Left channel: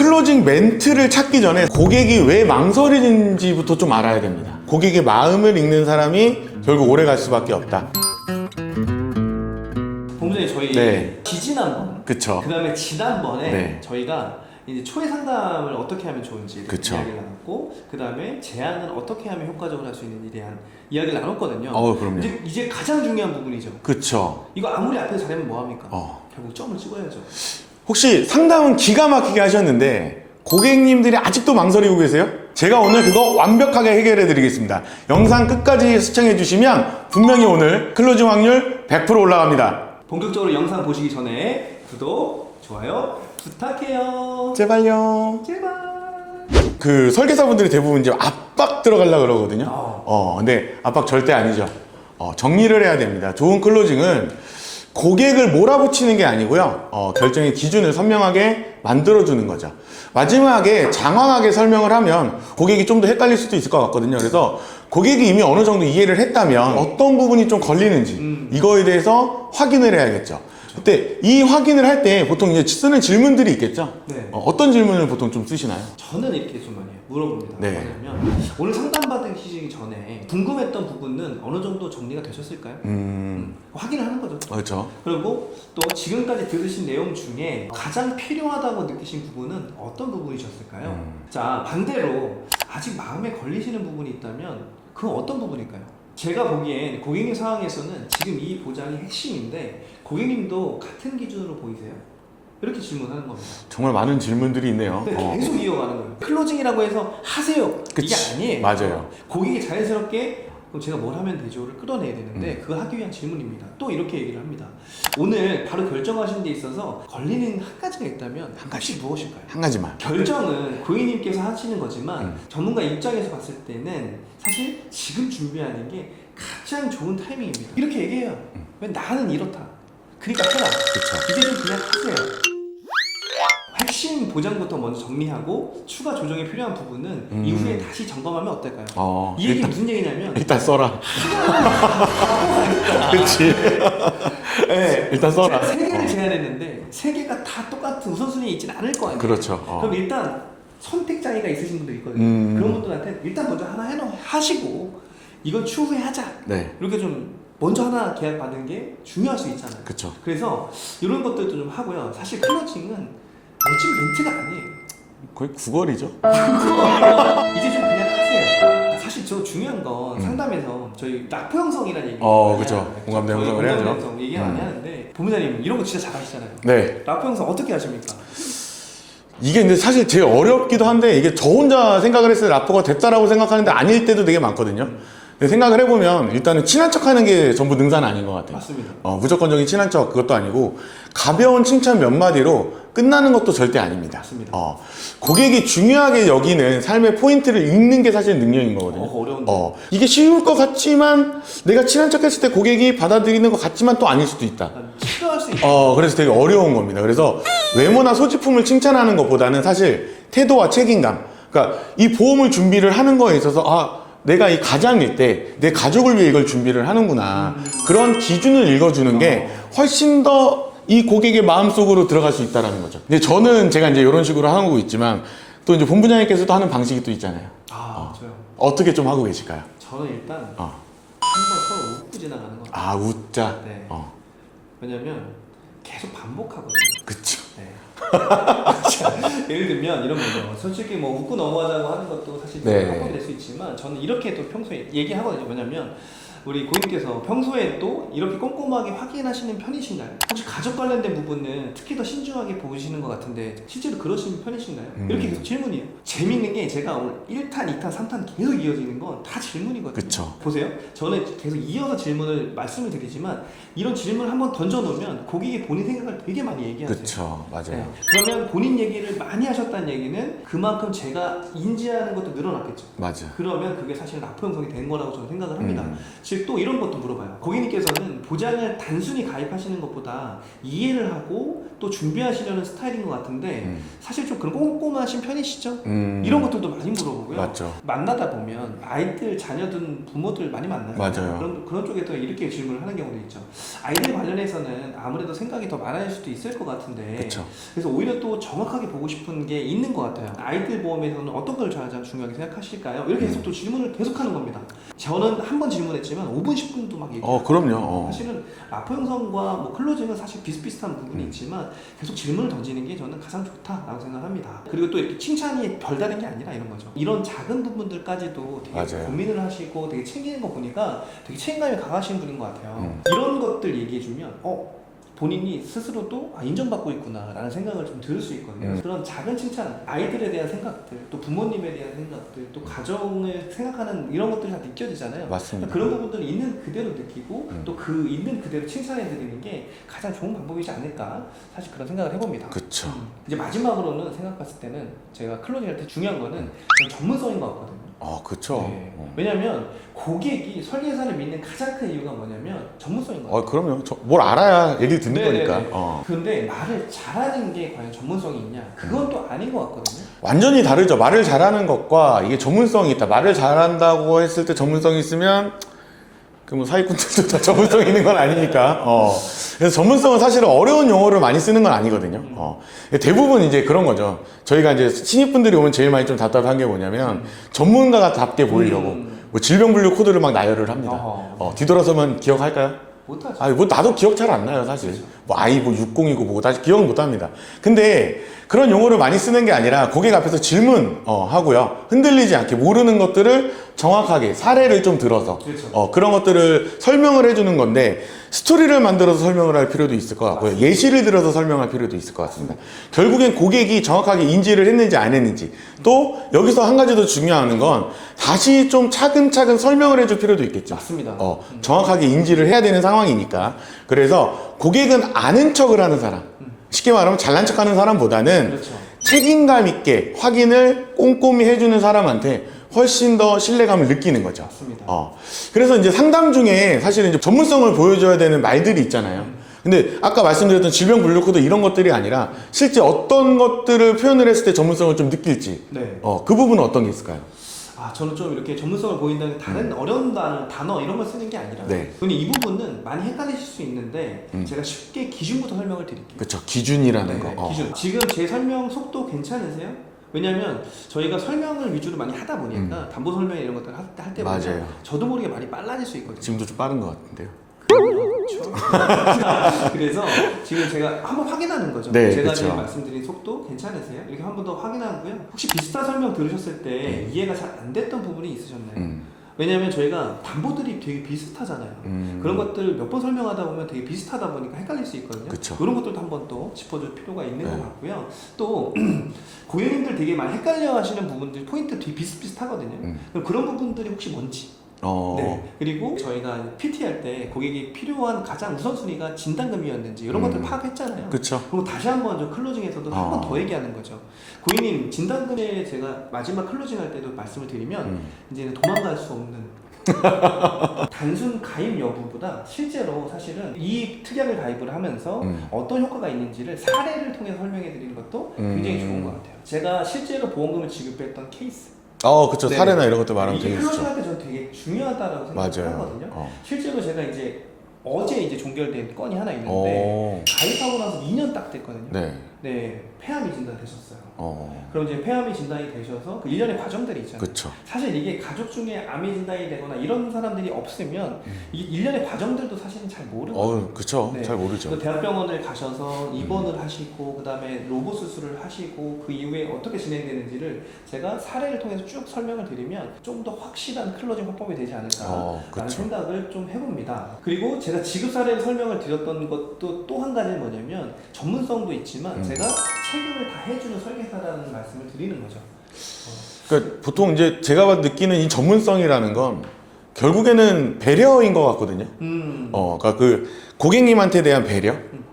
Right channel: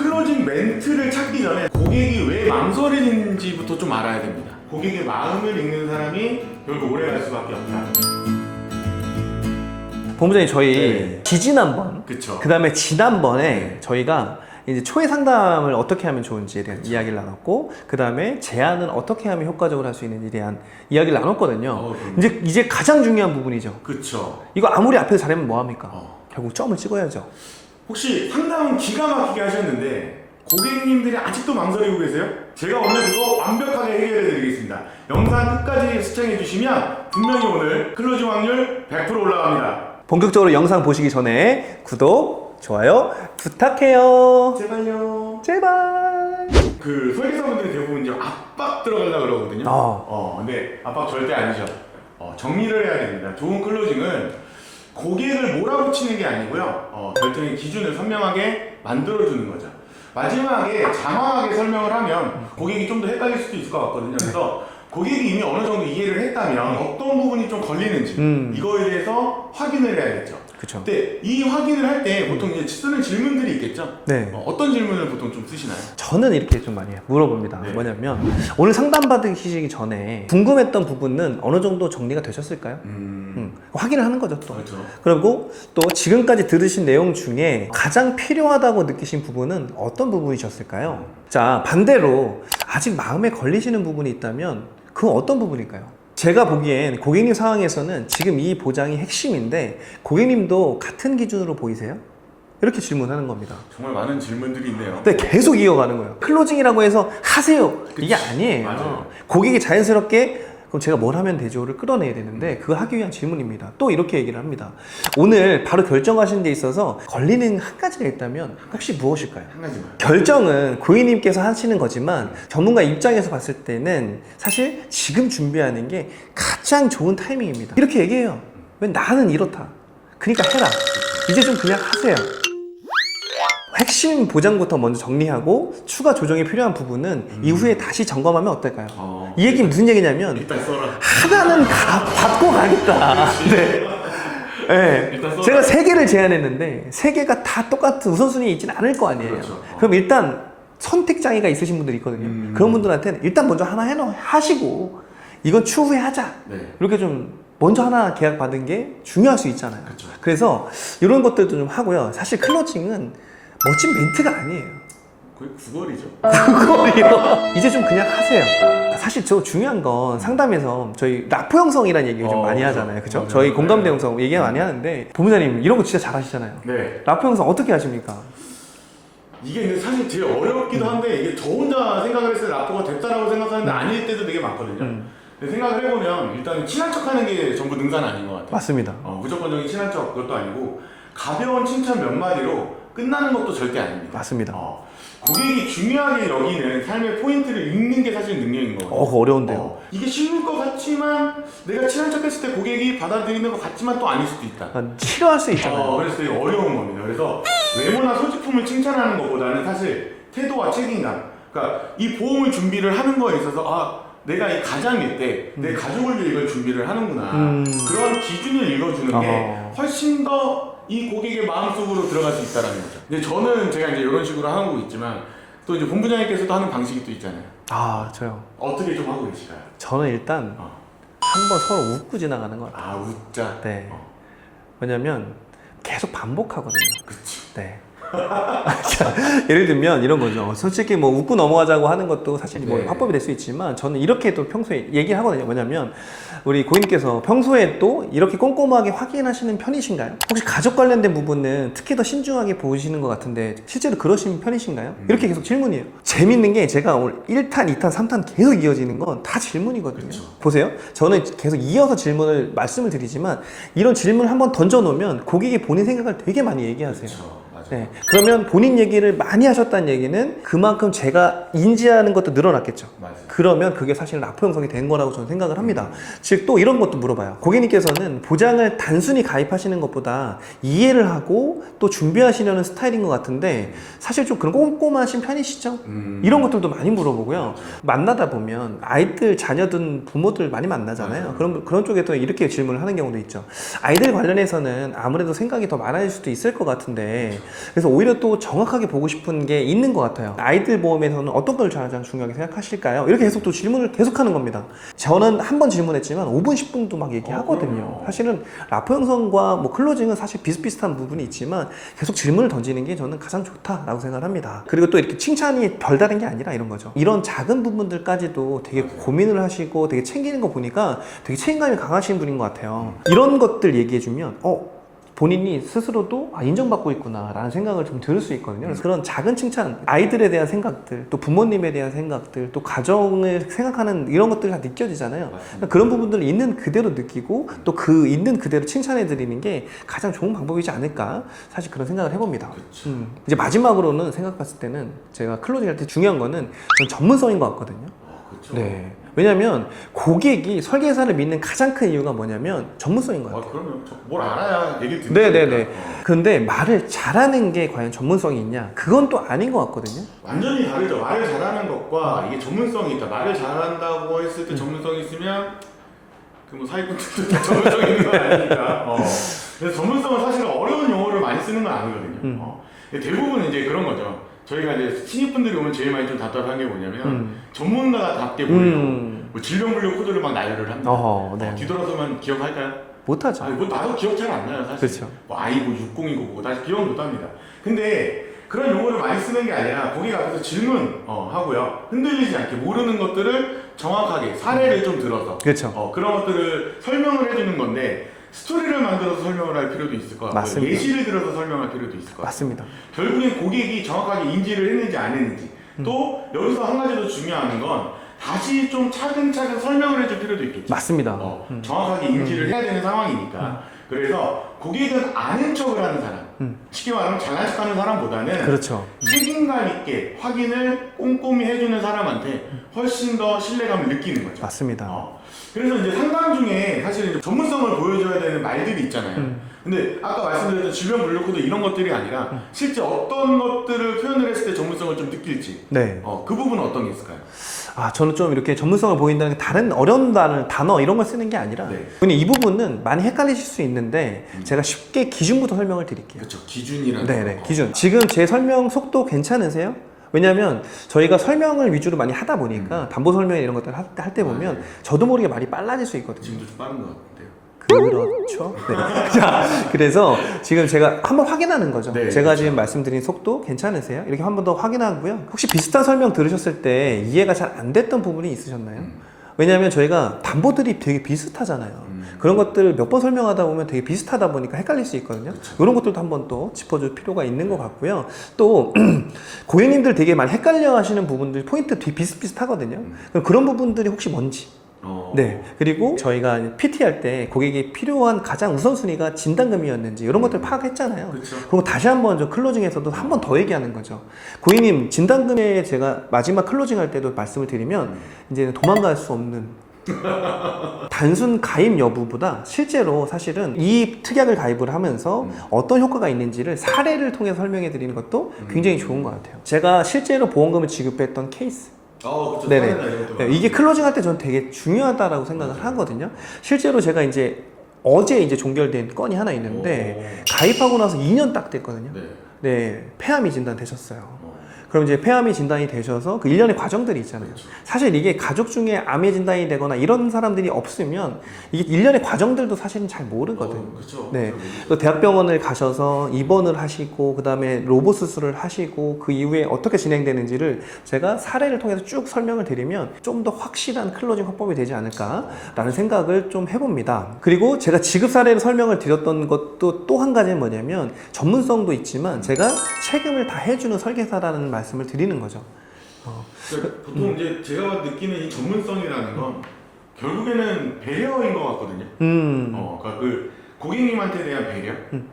클로징 멘트를 찾기 전에 고객이 왜 망설이는지부터 좀 알아야 됩니다. 고객의 마음을 읽는 사람이 결국 오래 갈 수밖에 없다. 본부장님, 저희 네. 지지난번, 그쵸. 그 다음에 지난번에 네. 저희가 이제 초회 상담을 어떻게 하면 좋은지에 대한 그쵸. 이야기를 나눴고, 그 다음에 제안은 어떻게 하면 효과적으로 할 수 있는지에 대한 이야기를 나눴거든요. 그럼요. 이제 가장 중요한 부분이죠. 그쵸. 이거 아무리 앞에서 잘하면 뭐합니까? 어. 결국 점을 찍어야죠. 혹시 상담은 기가 막히게 하셨는데 고객님들이 아직도 망설이고 계세요? 제가 오늘 그거 완벽하게 해결해 드리겠습니다. 영상 끝까지 시청해 주시면 분명히 오늘 클로징 확률 100% 올라갑니다. 본격적으로 영상 보시기 전에 구독, 좋아요 부탁해요. 제발요. 제발. 그 설계사분들이 대부분 이제 압박 들어가려고 그러거든요. 근데 압박 절대 아니죠. 정리를 해야 됩니다. 좋은 클로징은 고객을 몰아붙이는 게 아니고요. 결정의 기준을 선명하게 만들어주는 거죠. 마지막에 장황하게 설명을 하면 고객이 좀 더 헷갈릴 수도 있을 것 같거든요. 그래서 고객이 이미 어느 정도 이해를 했다면 어떤 부분이 좀 걸리는지 이거에 대해서 확인을 해야겠죠. 그쵸. 근데 이 확인을 할 때 보통 이제 쓰는 질문들이 있겠죠. 네. 어떤 질문을 보통 좀 쓰시나요? 저는 이렇게 좀 많이 물어봅니다. 네. 뭐냐면 오늘 상담 받으시기 전에 궁금했던 부분은 어느 정도 정리가 되셨을까요? 확인을 하는 거죠. 또. 그렇죠. 그리고 또 지금까지 들으신 내용 중에 가장 필요하다고 느끼신 부분은 어떤 부분이셨을까요? 자, 반대로 아직 마음에 걸리시는 부분이 있다면 그건 어떤 부분일까요? 제가 보기엔 고객님 상황에서는 지금 이 보장이 핵심인데 고객님도 같은 기준으로 보이세요? 이렇게 질문하는 겁니다. 정말 많은 질문들이 있네요. 근데 계속 이어가는 거예요. 클로징이라고 해서 하세요. 이게 아니에요. 맞아요. 고객이 자연스럽게 그럼 제가 뭘 하면 되죠?를 끌어내야 되는데 그걸 하기 위한 질문입니다. 또 이렇게 얘기를 합니다. 오늘 바로 결정하시는 데 있어서 걸리는 한 가지가 있다면 혹시 무엇일까요? 한 가지만. 결정은 고객님께서 하시는 거지만 전문가 입장에서 봤을 때는 사실 지금 준비하는 게 가장 좋은 타이밍입니다. 이렇게 얘기해요. 왜 나는 이렇다. 그러니까 해라. 이제 좀 그냥 하세요. 핵심 보장부터 먼저 정리하고 추가 조정이 필요한 부분은 이후에 다시 점검하면 어떨까요? 이 얘기는 무슨 얘기냐면 일단 써라. 하나는 받고 가니까. 그렇지. 네. 일단 써라. 제가 3개를 제안했는데 3개가 다 똑같은 우선순위에 있지는 않을 거 아니에요. 그렇죠. 그럼 일단 선택 장애가 있으신 분들이 있거든요. 그런 분들한테는 일단 먼저 하나 하시고 이건 추후에 하자. 네. 이렇게 좀 먼저 하나 계약 받은 게 중요할 수 있잖아요. 그쵸. 그래서 이런 것들도 좀 하고요. 사실 클로징은 멋진 멘트가 아니에요. 거의 구걸이죠. 이제 좀 그냥 하세요. 사실 저 중요한 건 상담에서 저희 라포 형성이라는 얘기를 좀 많이 그쵸. 하잖아요. 그쵸? 공감대 저희 형성. 공감대 형성 얘기 많이 하는데 본부장님 이런 거 진짜 잘하시잖아요. 네. 라포 형성 어떻게 하십니까? 이게 근데 사실 제일 어렵기도 한데 이게 저 혼자 생각을 했을 때 라포가 됐다라고 생각하는데 아닐 때도 되게 많거든요. 근데 생각을 해보면 일단은 친한 척 하는 게 전부 능사는 아닌 것 같아요. 맞습니다. 무조건적인 친한 척 그것도 아니고 가벼운 칭찬 몇 마디로 끝나는 것도 절대 아닙니다. 맞습니다. 고객이 중요하게 여기는 삶의 포인트를 읽는 게 사실 능력인 거거든요. 그거 어려운데요. 이게 쉬울 것 같지만 내가 친한 척 했을 때 고객이 받아들이는 것 같지만 또 아닐 수도 있다. 싫어할 수 있잖아요. 그래서 되게 어려운 겁니다. 그래서 외모나 소지품을 칭찬하는 것보다는 사실 태도와 책임감. 그러니까 이 보험을 준비를 하는 거에 있어서 내가 이 가장일 때 내 가족을 위해 이걸 준비를 하는구나. 그런 기준을 읽어주는 게 훨씬 더 이 고객의 마음속으로 들어갈 수 있다는 거죠. 근데 저는 제가 이제 이런 식으로 하고 있지만 또 이제 본부장님께서도 하는 방식이 또 있잖아요. 저요. 어떻게 좀 하고 계실까요? 저는 일단 한번 서로 웃고 지나가는 것 같아요. 웃자. 네. 왜냐면 계속 반복하거든요. 그치. 네. 자, 예를 들면 이런 거죠. 솔직히 뭐 웃고 넘어가자고 하는 것도 사실 뭐 네. 화법이 될 수 있지만 저는 이렇게 또 평소에 얘기하거든요. 뭐냐면 우리 고객님께서 평소에 또 이렇게 꼼꼼하게 확인하시는 편이신가요? 혹시 가족 관련된 부분은 특히 더 신중하게 보시는 것 같은데 실제로 그러신 편이신가요? 이렇게 계속 질문이에요. 재밌는 게 제가 오늘 1탄, 2탄, 3탄 계속 이어지는 건 다 질문이거든요. 그쵸. 보세요. 저는 계속 이어서 질문을 말씀을 드리지만 이런 질문을 한번 던져놓으면 고객이 본인 생각을 되게 많이 얘기하세요. 그쵸. 맞아요. 네. 그러면 본인 얘기를 많이 하셨다는 얘기는 그만큼 제가 인지하는 것도 늘어났겠죠. 맞아. 그러면 그게 사실 라포 형성이 된 거라고 저는 생각을 합니다. 즉 또 이런 것도 물어봐요. 고객님께서는 보장을 단순히 가입하시는 것보다 이해를 하고 또 준비하시려는 스타일인 것 같은데 사실 좀 그런 꼼꼼하신 편이시죠? 이런 것들도 많이 물어보고요. 맞죠. 만나다 보면 아이들, 자녀든 부모들 많이 만나잖아요. 맞아요. 그런 쪽에도 이렇게 질문을 하는 경우도 있죠. 아이들 관련해서는 아무래도 생각이 더 많아질 수도 있을 것 같은데 그쵸. 그래서 오히려 또 정확하게 보고 싶은 게 있는 것 같아요. 아이들 보험에서는 어떤 걸 가장 중요하게 생각하실까요? 이렇게 계속 또 질문을 계속하는 겁니다. 저는 한 번 질문했지만 5분, 10분도 막 얘기하거든요. 그럼요. 사실은 라포 형성과 뭐 클로징은 사실 비슷비슷한 부분이 있지만 계속 질문을 던지는 게 저는 가장 좋다라고 생각을 합니다. 그리고 또 이렇게 칭찬이 별다른 게 아니라 이런 거죠. 이런 작은 부분들까지도 되게 맞아요. 고민을 하시고 되게 챙기는 거 보니까 되게 책임감이 강하신 분인 것 같아요. 이런 것들 얘기해주면 본인이 스스로도 인정받고 있구나 라는 생각을 좀 들을 수 있거든요. 그래서 그런 작은 칭찬, 아이들에 대한 생각들, 또 부모님에 대한 생각들, 또 가정을 생각하는 이런 것들이 다 느껴지잖아요. 맞습니다. 그런 부분들을 있는 그대로 느끼고 또 그 있는 그대로 칭찬해 드리는 게 가장 좋은 방법이지 않을까, 사실 그런 생각을 해봅니다. 그쵸. 이제 마지막으로는 생각했을 때는 제가 클로징 할 때 중요한 거는 저는 전문성인 것 같거든요. 그쵸. 네. 왜냐면 고객이 설계사를 믿는 가장 큰 이유가 뭐냐면 전문성인 것 같아요. 그럼요. 뭘 알아야 얘기를 듣는 네네네. 거니까. 근데 말을 잘하는 게 과연 전문성이 있냐? 그건 또 아닌 것 같거든요. 완전히 다르죠. 말을 잘하는 것과 이게 전문성이 있다. 말을 잘한다고 했을 때 전문성이 있으면 그 뭐 사기꾼들도 다 전문성이 있는 건 아니니까. 그래서 전문성은 사실은 어려운 용어를 많이 쓰는 건 아니거든요. 대부분 이제 그런 거죠. 저희가 이제 신입분들이 오면 제일 많이 좀 답답한 게 뭐냐면 전문가답게 보이려고 뭐 질병분류 코드를 막 나열을 합니다. 네. 뒤돌아서면 기억할까요? 못하죠. 뭐 나도 기억 잘 안 나요, 사실. 그렇죠. 뭐 아이고 60이고 뭐고 다시 기억은 못 합니다. 근데 그런 용어를 많이 쓰는 게 아니라 고객 앞에서 질문 하고요. 흔들리지 않게 모르는 것들을 정확하게 사례를 좀 들어서 그렇죠. 그런 것들을 설명을 해주는 건데 스토리를 만들어서 설명을 할 필요도 있을 것 같고요. 맞습니다. 예시를 들어서 설명할 필요도 있을 것 같습니다. 맞습니다. 결국엔 고객이 정확하게 인지를 했는지 안 했는지 또 여기서 한 가지 더 중요한 건 다시 좀 차근차근 설명을 해줄 필요도 있겠죠. 맞습니다. 정확하게 인지를 해야 되는 상황이니까. 그래서 고객은 아는 척을 하는 사람, 쉽게 말하면 잘난 척하는 사람보다는 그렇죠. 책임감 있게 확인을 꼼꼼히 해주는 사람한테 훨씬 더 신뢰감을 느끼는 거죠. 맞습니다. 그래서 이제 상담 중에 사실은 이제 전문성을 보여줘야 되는 말들이 있잖아요. 근데 아까 말씀드렸던 질병 분류 코드 이런 것들이 아니라 실제 어떤 것들을 표현을 했을 때 전문성을 좀 느낄지. 네. 그 부분은 어떤 게 있을까요? 저는 좀 이렇게 전문성을 보인다는 게 다른 어려운 단어 이런 걸 쓰는 게 아니라 네. 근데 이 부분은 많이 헷갈리실 수 있는데 제가 쉽게 기준부터 설명을 드릴게요. 그렇죠. 기준이라는 네네, 거. 기준. 지금 제 설명 속도 괜찮으세요? 왜냐면 저희가 설명을 위주로 많이 하다 보니까 담보 설명 이런 것들 할 때 보면 맞아요. 저도 모르게 말이 빨라질 수 있거든요. 지금도 좀 빠른 것 같은데요. 그렇죠. 네. 자, 그래서 지금 제가 한번 확인하는 거죠. 네, 제가 그렇죠. 지금 말씀드린 속도 괜찮으세요? 이렇게 한 번 더 확인하고요. 혹시 비슷한 설명 들으셨을 때 이해가 잘 안 됐던 부분이 있으셨나요? 왜냐하면 저희가 담보들이 되게 비슷하잖아요. 그런 것들 몇 번 설명하다 보면 되게 비슷하다 보니까 헷갈릴 수 있거든요. 그쵸. 이런 것들도 한번 또 짚어줄 필요가 있는 것 같고요. 또 고객님들 되게 많이 헷갈려 하시는 부분들 포인트 되게 비슷비슷하거든요. 그럼 그런 부분들이 혹시 뭔지 네. 그리고 저희가 PT 할 때 고객이 필요한 가장 우선순위가 진단금이었는지 이런 것들 파악했잖아요. 그쵸. 그럼 다시 한번 저 클로징에서도 한 번 더 얘기하는 거죠. 고객님 진단금에 제가 마지막 클로징 할 때도 말씀을 드리면 이제는 도망갈 수 없는 단순 가입 여부보다 실제로 사실은 이 특약을 가입을 하면서 어떤 효과가 있는지를 사례를 통해서 설명해 드리는 것도 굉장히 좋은 것 같아요. 제가 실제로 보험금을 지급했던 케이스 그쵸. 네네. 사례나 이런 것도 많이. 이게 클로징 할 때 저는 되게 중요하다라고 생각을 맞아요. 하거든요. 실제로 제가 이제 어제 이제 종결된 건이 하나 있는데 가입하고 나서 2년 딱 됐거든요. 네. 네, 폐암이 진단되셨어요. 그럼 이제 폐암이 진단이 되셔서 그 일련의 과정들이 있잖아요. 그쵸. 사실 이게 가족 중에 암이 진단이 되거나 이런 사람들이 없으면 이게 일련의 과정들도 사실은 잘 모르거든요. 그쵸. 네. 잘 모르죠. 또 대학병원을 가셔서 입원을 하시고 그 다음에 로봇 수술을 하시고 그 이후에 어떻게 진행되는지를 제가 사례를 통해서 쭉 설명을 드리면 좀 더 확실한 클로징 확보이 되지 않을까라는 그렇죠. 생각을 좀 해봅니다. 그리고 제가 지급 사례를 설명을 드렸던 것도 또 한 가지는 뭐냐면 전문성도 있지만 제가 책임을 다 해주는 설계사라는 말씀을 드리는 거죠. 그러니까 보통 이제 제가 느끼는 이 전문성이라는 건 결국에는 배려인 것 같거든요. 그러니까 그 고객님한테 대한 배려.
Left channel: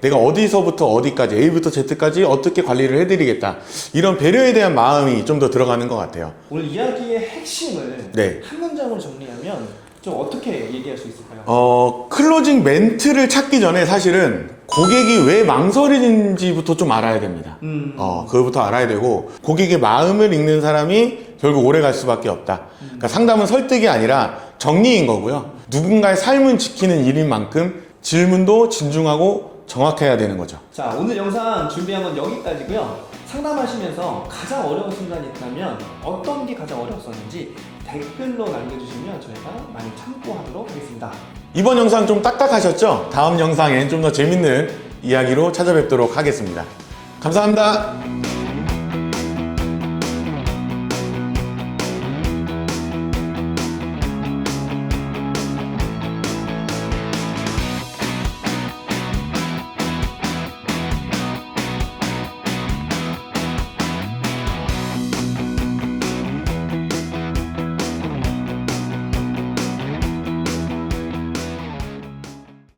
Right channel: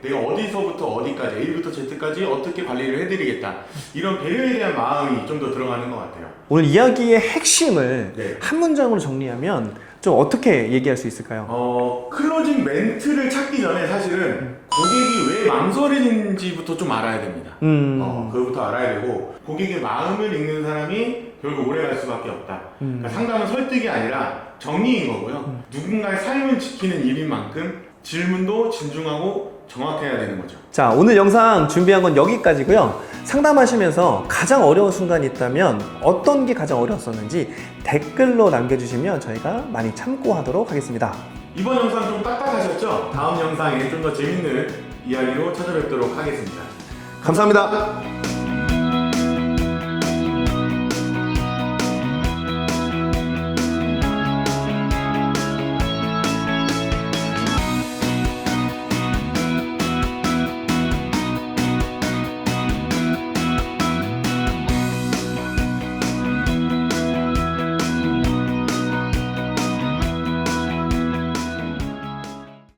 내가 어디서부터 어디까지 A부터 Z까지 어떻게 관리를 해드리겠다. 이런 배려에 대한 마음이 좀 더 들어가는 것 같아요. 오늘 이야기의 핵심을 네. 한 문장으로 정리하면 좀 좀 어떻게 얘기할 수 있을까요? 클로징 멘트를 찾기 전에 사실은 고객이 왜 망설이는지부터 좀 알아야 됩니다. 그거부터 알아야 되고, 고객의 마음을 읽는 사람이 결국 오래 갈 수밖에 없다. 그러니까 상담은 설득이 아니라 정리인 거고요. 누군가의 삶을 지키는 일인 만큼 질문도 진중하고 정확해야 되는 거죠. 자, 오늘 영상 준비한 건 여기까지고요. 상담하시면서 가장 어려운 순간이 있다면 어떤 게 가장 어려웠었는지 댓글로 남겨주시면 저희가 많이 참고하도록 하겠습니다. 이번 영상 좀 딱딱하셨죠? 다음 영상엔 좀 더 재밌는 이야기로 찾아뵙도록 하겠습니다. 감사합니다.